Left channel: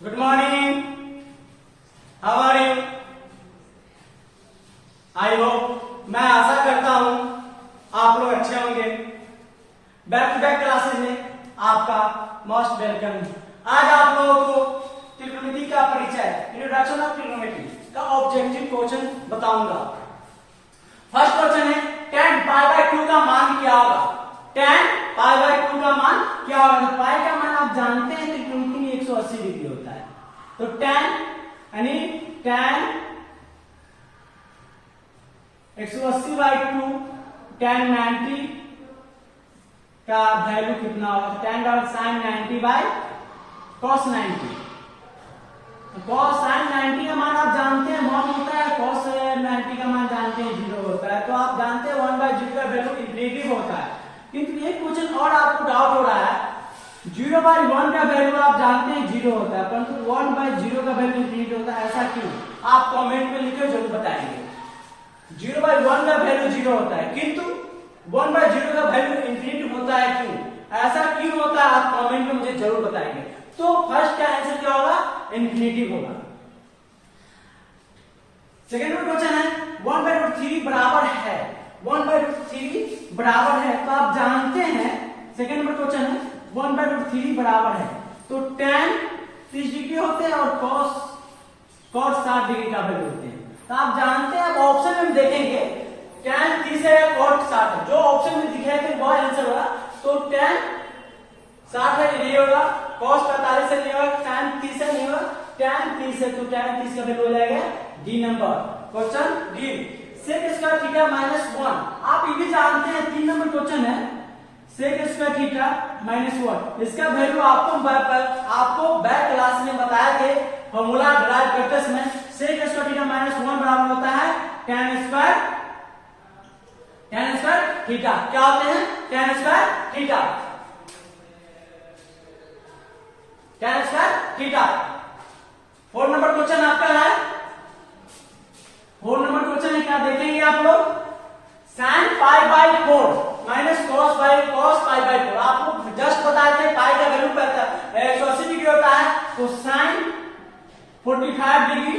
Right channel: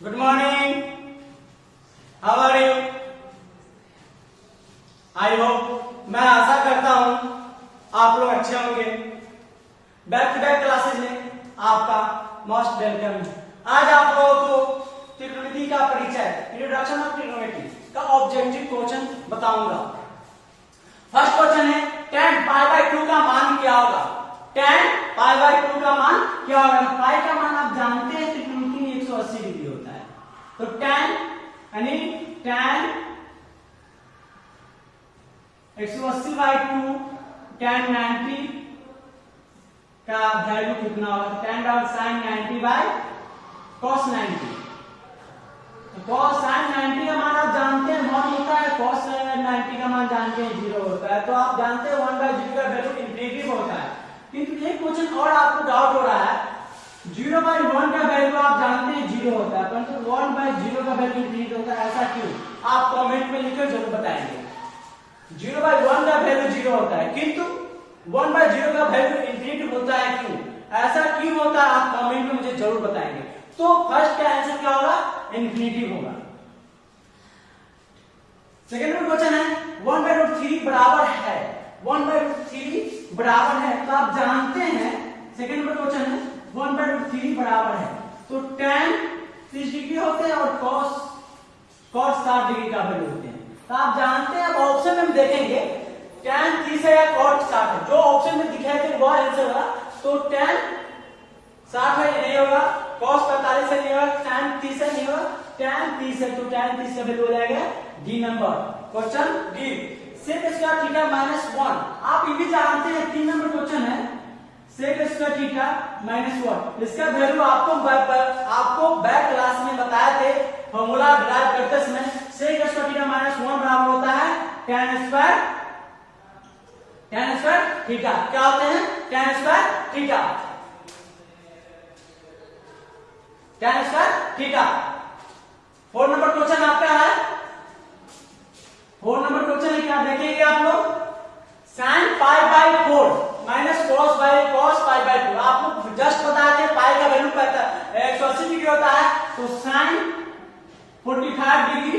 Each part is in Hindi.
Good morning, how are you? I hope, मैं आशा करता हूं आप लोग अच्छे होंगे। बैक टू बैक क्लासेस में आपका मोस्ट वेलकम। आज आप लोगों को ट्रिग्नोमेट्री का परिचय, इंट्रोडक्शन ऑफ ट्रिग्नोमेट्री का ऑब्जेक्टिव क्वेश्चन बताऊंगा। फर्स्ट क्वेश्चन है tan π/2 का मान क्या होगा? tan π/2 का मान क्या होगा? पाई का मान आप जानते हैं ट्रिग्नोमेट्री में 180 डिग्री होता है, तो tan यानी tan 180/2 tan 90 का वैल्यू कितना होगा? tan sin 90/cos 90। cos sin 90 का मान आप जानते हैं 1 होता है, cos 90 का मान जानते हैं 0 होता है, तो आप जानते हैं 1/0 का वैल्यू इंफिनिटिव होता है। किंतु एक क्वेश्चन और आपको डाउट हो रहा है, 0/1 का वैल्यू आप जानते हैं 0 होता है, परंतु 1/0 का वैल्यू इंफिनिट होता है, ऐसा क्यों? आप कमेंट में लिखकर जरूर बताएंगे। 0/1 का वैल्यू 0 होता है किंतु 1/0 का वैल्यू इंफिनिट होता है, क्यों? ऐसा क्यों होता है? आप कमेंट में मुझे जरूर बताएंगे। तो फर्स्ट का आंसर क्या होगा? इंफिनिटिव होगा। सेकंड क्वेश्चन है 1/√3 बराबर है, 1/√3 बराबर है, तो आप जानते हैं सेकंड नंबर क्वेश्चन है 1/√3 बराबर है, तो tan 30 डिग्री होते हैं और cos 60 डिग्री का वैल्यू होते हैं, तो आप जानते हैं। अब ऑप्शन में देखेंगे tan 30 है या cos 60 है, जो ऑप्शन में दिखाई थे वह आंसर होगा। तो tan 60 है, नहीं होगा, cos 45 है, नहीं होगा, tan 30 है, नहीं होगा, tan 30 है, तो tan 30 का वैल्यू हो जाएगा D number. Question D sec square theta -1। आप ये भी जानते हैं 3 नंबर क्वेश्चन है sec स्क्वायर थीटा -1, इसका वैल्यू आपको बैक क्लास में बताए थे, फॉर्मूला डिराइव करते समय sec स्क्वायर थीटा -1 बराबर होता है tan स्क्वायर थीटा। क्या होते हैं? tan square theta, tan square theta. 4 number question आपका है, 4 नंबर क्वेश्चन है, क्या देखेंगे आप लोग? sin π/4 minus cos π/4। आपको जस्ट बताए थे पाई का वैल्यू 180 डिग्री होता है, तो sin 45 degree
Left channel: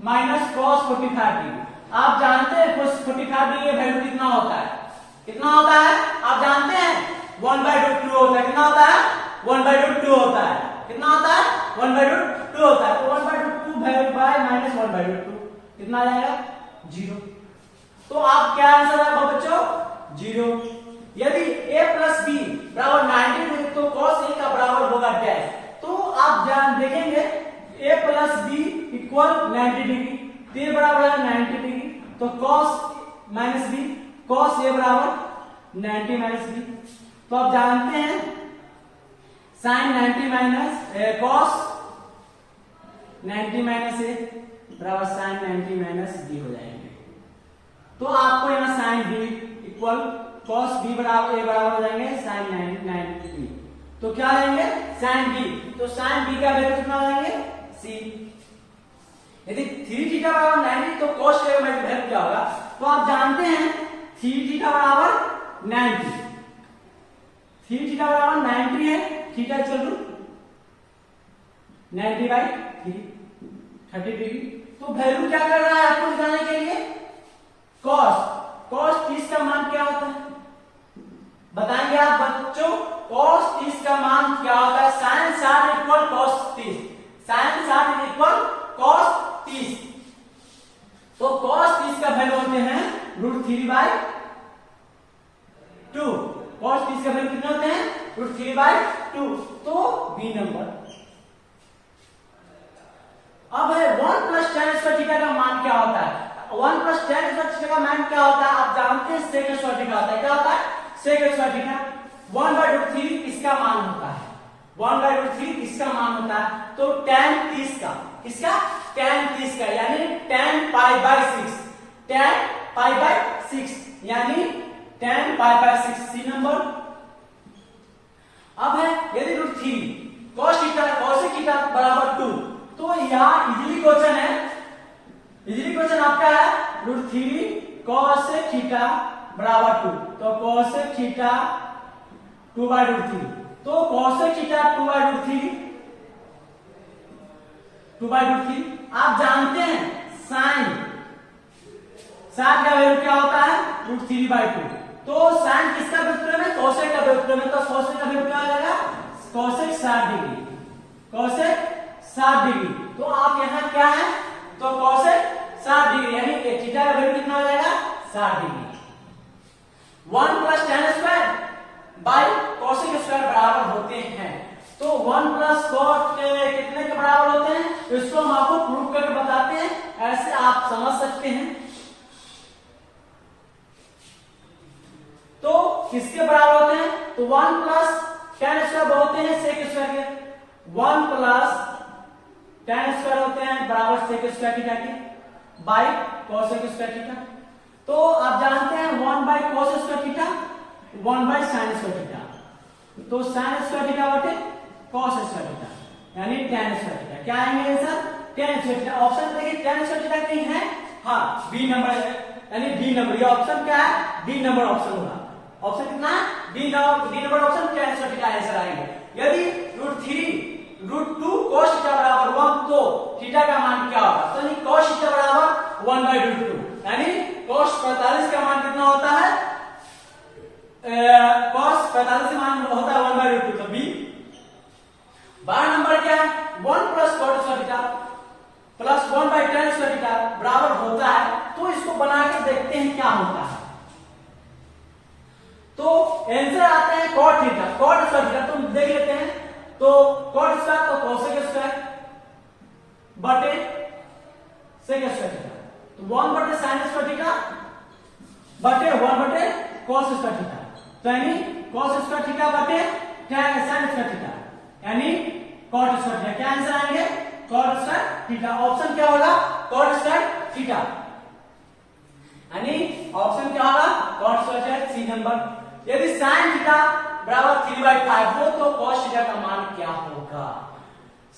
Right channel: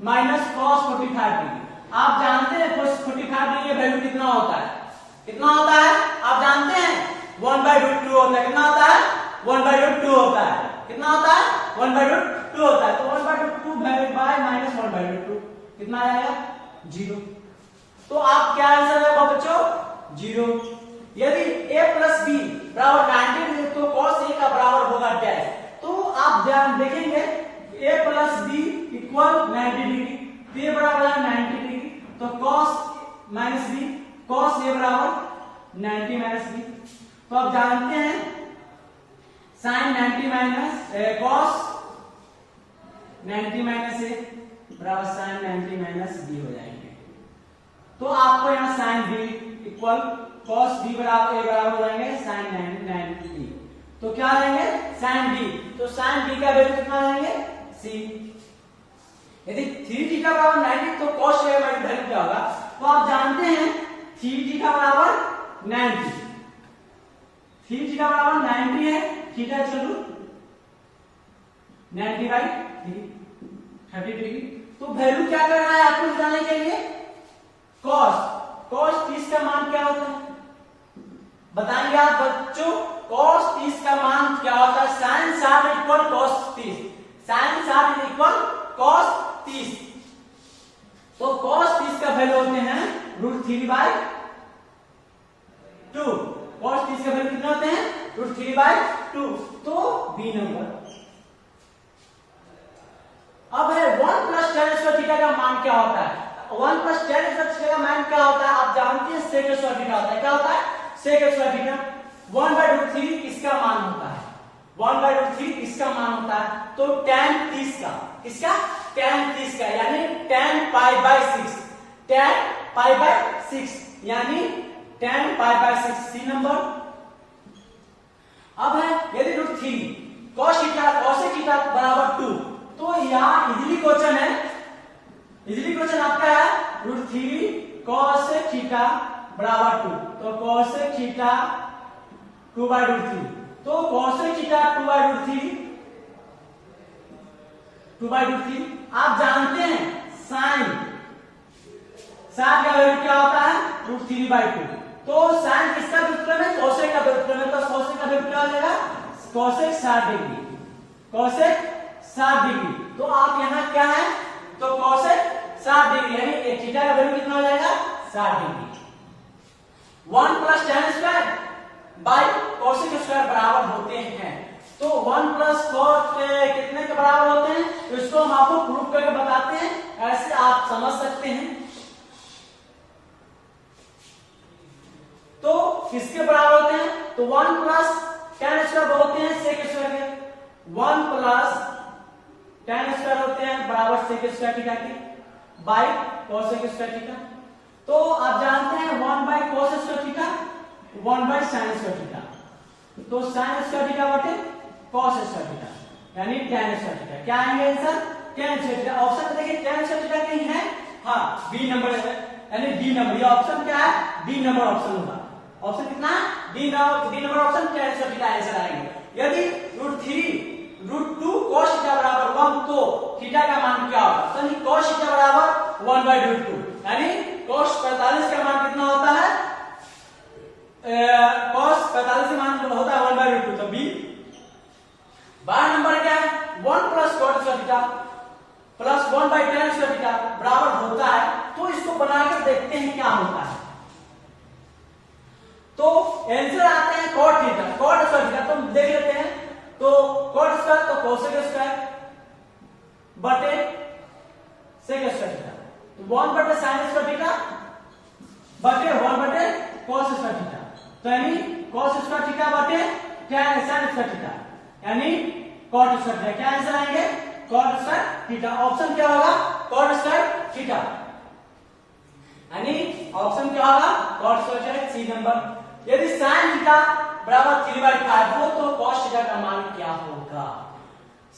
minus cos 45 degree. आप जानते हैं 45 डिग्री का वैल्यू कितना होता है? कितना होता है आप जानते हैं? 1/√2 होता है। कितना होता है? 1/√2 होता है। कितना होता है? 1/√2 होता है, तो 1/√2 बाय माइनस 1/√2 कितना आ जाएगा? 0। तो आप क्या आंसर है बच्चों? 0। यदि a + b बराबर 90 तो cos a का बराबर होगा क्या है? तो आप जान देखेंगे a + b = 90 डिग्री, तो a बराबर है 90 डिग्री, तो cos -b cos a बराबर 90 - b। तो आप जानते हैं sin 90 cos 90 - a बराबर sin 90 - b हो जाएंगे। तो आपको यहाँ sin b equal cos b बराबर a बराबर हो जाएंगे sin 90 b। तो क्या लेंगे? sin b, तो sin b का वैल्यू कितना लाएंगे? c। यदि 3 थीटा बराबर 90 तो cos a का वैल्यू क्या होगा? तो आप जानते हैं 3 थीटा बराबर 90, 3 थीटा बराबर 90 है, थीटा इक्वल टू 90/3 30 डिग्री। तो वैल्यू क्या कर रहा है आपको बताने के लिए? cos 30 का मान क्या होता है बताएंगे आप बच्चों? cos 30 का मान क्या होता है? sin 60 = cos 30, sin 60 = cos 30। तो cos 30 का वैल्यू होते हैं √3/2। cos 30 का वैल्यू कितने होते हैं? √3/2। तो बी नंबर। अब है 1 + tan स्क्वायर थीटा का मान क्या होता है? 1 + tan स्क्वायर थीटा का मान क्या होता है? आप जानते हैं sec स्क्वायर थीटा होता है। क्या होता है? sec स्क्वायर थीटा 1/√3 इसका मान होता है, 1/√3 इसका मान होता है। तो tan 30 का, किसका? tan 30 का, यानी tan π/6, tan π/6 यानी tan π/6 सी नंबर। अब है यदि √3 cos थीटा बराबर 2, तो यहाँ इजीली क्वेश्चन है, इजीली क्वेश्चन आपका है √3 cos थीटा बराबर 2, तो cos थीटा 2/√3, तो cos थीटा 2/√3 2/√3। आप जानते हैं साइन का वैल्यू क्या होता है √3/2। तो साइन किसका व्युत्क्रम है कोसेक का व्युत्क्रम है, तो कोसेक का वैल्यू क्या हो जाएगा कोसेक 60 डिग्री, कोसेक 60 डिग्री। तो आप यहाँ क्या है तो कोसेक 60 डिग्री यानी थीटा का वैल्यू कितना हो जाएगा 60 degree. 1 + tan square by cosec square बराबर होते हैं। तो 1 + cos के कितने के बराबर होते हैं, इसको हम आपको प्रूव करके बताते हैं, ऐसे आप समझ सकते हैं। तो किसके बराबर होते हैं तो 1 + tan स्क्वायर होते हैं sec स्क्वायर के, 1 + tan स्क्वायर होते हैं बराबर sec स्क्वायर थीटा के बाय cosec स्क्वायर थीटा। तो आप जानते हैं 1/cos square theta 1/sin square theta, तो sin स्क्वायर थीटा बटे cos स्क्वायर थीटा यानी tan स्क्वायर थीटा। क्या आएंगे answer tan square theta. Option देखिए tan स्क्वायर थीटा कहीं है, हाँ बी नंबर है यानी डी नंबर, ये ऑप्शन क्या है डी नंबर ऑप्शन होगा। ऑप्शन कितना है D number option tan square theta answer आएंगे। यदि √3√2 cos थीटा बराबर 1 तो थीटा का मान क्या होगा, तो यानी cos थीटा बराबर 1/√2 यानी cos 45 का मान कितना होता है cos 45 का मान होता है 1/√2, तो बी। 12 नंबर क्या है 1 + cot square theta plus 1/tan square theta बराबर होता है। तो इसको बनाकर देखते हैं क्या होता है। तो आंसर आते हैं cot theta cot square theta, तो देख लेते हैं। तो cot स्क्वायर तो cosec स्क्वायर बटे sec स्क्वायर थीटा, तो 1/sin स्क्वायर थीटा बटे 1/cos स्क्वायर थीटा, तो यानी cos स्क्वायर थीटा बटे tan sin स्क्वायर थीटा यानी cot स्क्वायर थीटा। क्या आंसर आएंगे cot स्क्वायर थीटा। ऑप्शन क्या होगा cot स्क्वायर थीटा यानी ऑप्शन क्या होगा cot square theta C number. यदि sin थीटा बराबर 3/5 हो तो cos थीटा का मान क्या होगा,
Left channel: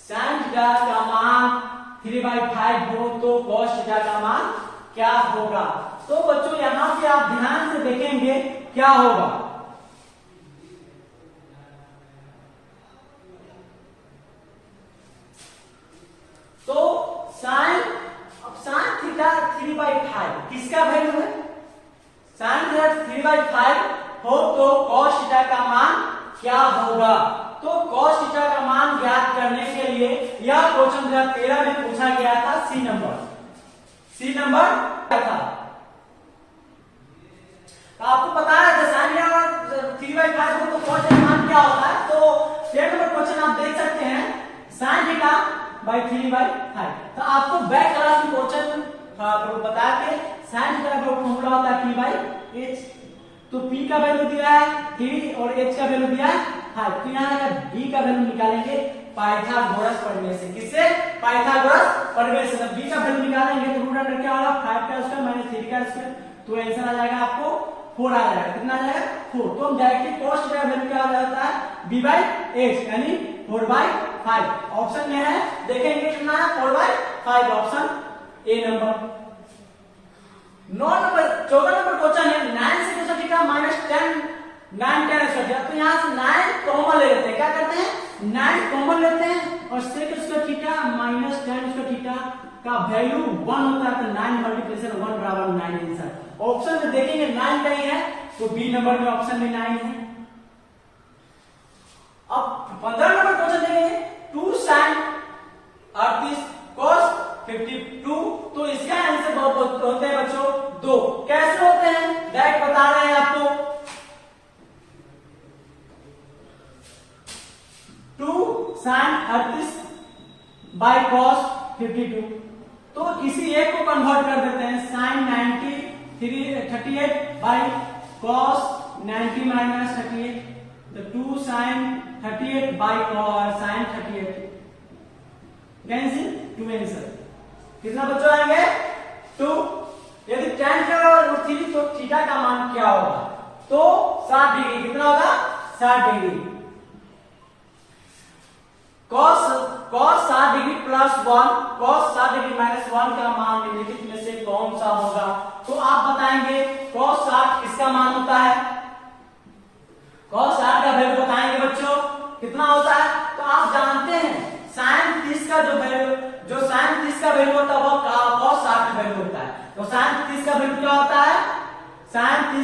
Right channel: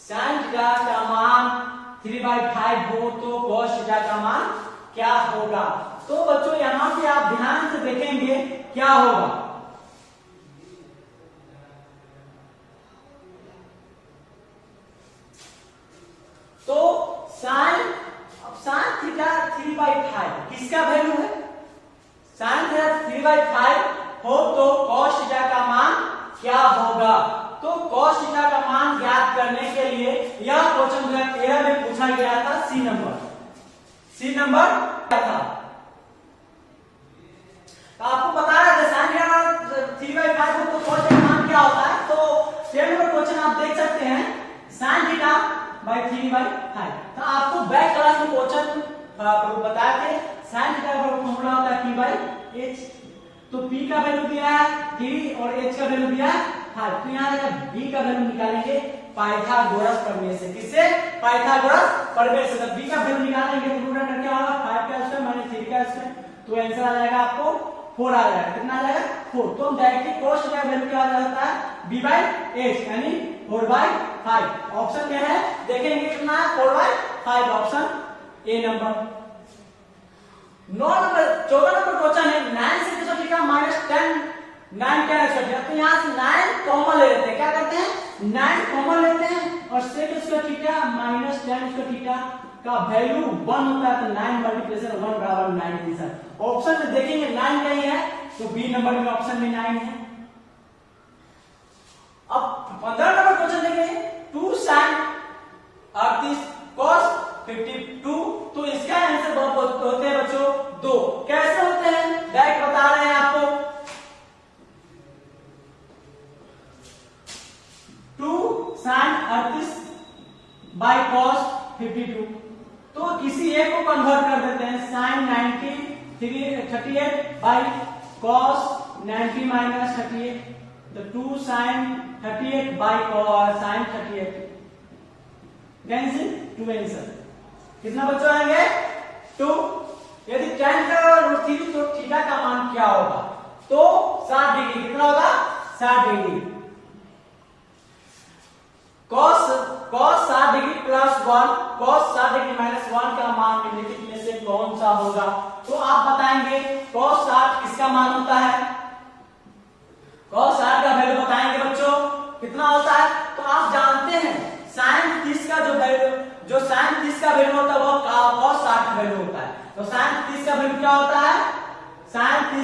sin थीटा का मान 3/5 हो तो cos थीटा का मान क्या होगा। तो बच्चों यहां पे आप ध्यान से देखेंगे क्या होगा। तो sin थीटा 3/5 किसका वैल्यू है, sin थीटा 3/5 हो तो cos थीटा का मान क्या होगा। तो cos थीटा का मान ज्ञात करने के लिए यह क्वेश्चन 2013 में पूछा गया था, सी नंबर क्या था। तो आपको पता है sin थीटा 3/5 हो तो cos थीटा का मान क्या होता है। तो 10 नंबर क्वेश्चन आप देख सकते हैं sin थीटा 3/5। तो आपको बैक क्लास में क्वेश्चन बता के sin थीटा का फॉर्मूला होता है p/h। तो p का वैल्यू दिया है 3 और h का वैल्यू दिया है 5। तो यहाँ अगर b का वैल्यू निकालेंगे पाइथागोरस प्रमेय से, किससे पाइथागोरस प्रमेय से। जब b का वैल्यू निकालेंगे तो रूट अंडर क्या होगा 5 का स्क्वायर - 3 का स्क्वायर, तो आंसर आ जाएगा आपको 4 आ जाएगा। कितना आ जाएगा 4। तो हम डायरेक्टली cos थीटा का वैल्यू क्या आ जाता है b/h यानी 4/5। ऑप्शन में है देखेंगे कितना है 4/5, option A number. 14 number question है 9 sec square theta -9 tan square theta. तो यहाँ से 9 कॉमन ले लेते हैं, क्या करते हैं 9 कॉमन लेते हैं और sec square theta -tan square theta का वैल्यू 1 होता है, तो 9 × 1 बराबर 9 आंसर। ऑप्शन में देखेंगे 9 कहीं है तो बी नंबर में ऑप्शन में 9 है। अब 15 नंबर क्वेश्चन देखेंगे 2 sin 38 cos 52। तो इसका आंसर होते हैं बच्चों 2। कैसे होते हैं डायरेक्ट बता रहे हैं आपको। 2 sin 38 cos 52। तो किसी एक को कन्वर्ट कर देते हैं sin 38 cos 90 - 38, तो 2 sin 38 cos sin 38 cancel 2 answer. कितना बच्चों आएंगे 2। यदि tan का √3 तो थीटा का मान क्या होगा, तो 60 डिग्री। कितना होगा 60 degree. cos 60 degree +1 cos 60 degree -1 का मान निम्नलिखित में से कौन सा होगा। तो आप बताएंगे cos 60 किसका मान होता है, cos 60 का वैल्यू बताएंगे बच्चों कितना होता है। तो आप जानते हैं sin 30 का जो वैल्यू होता है। तो साइन 30 का वैल्यू क्या होता है? साइन 30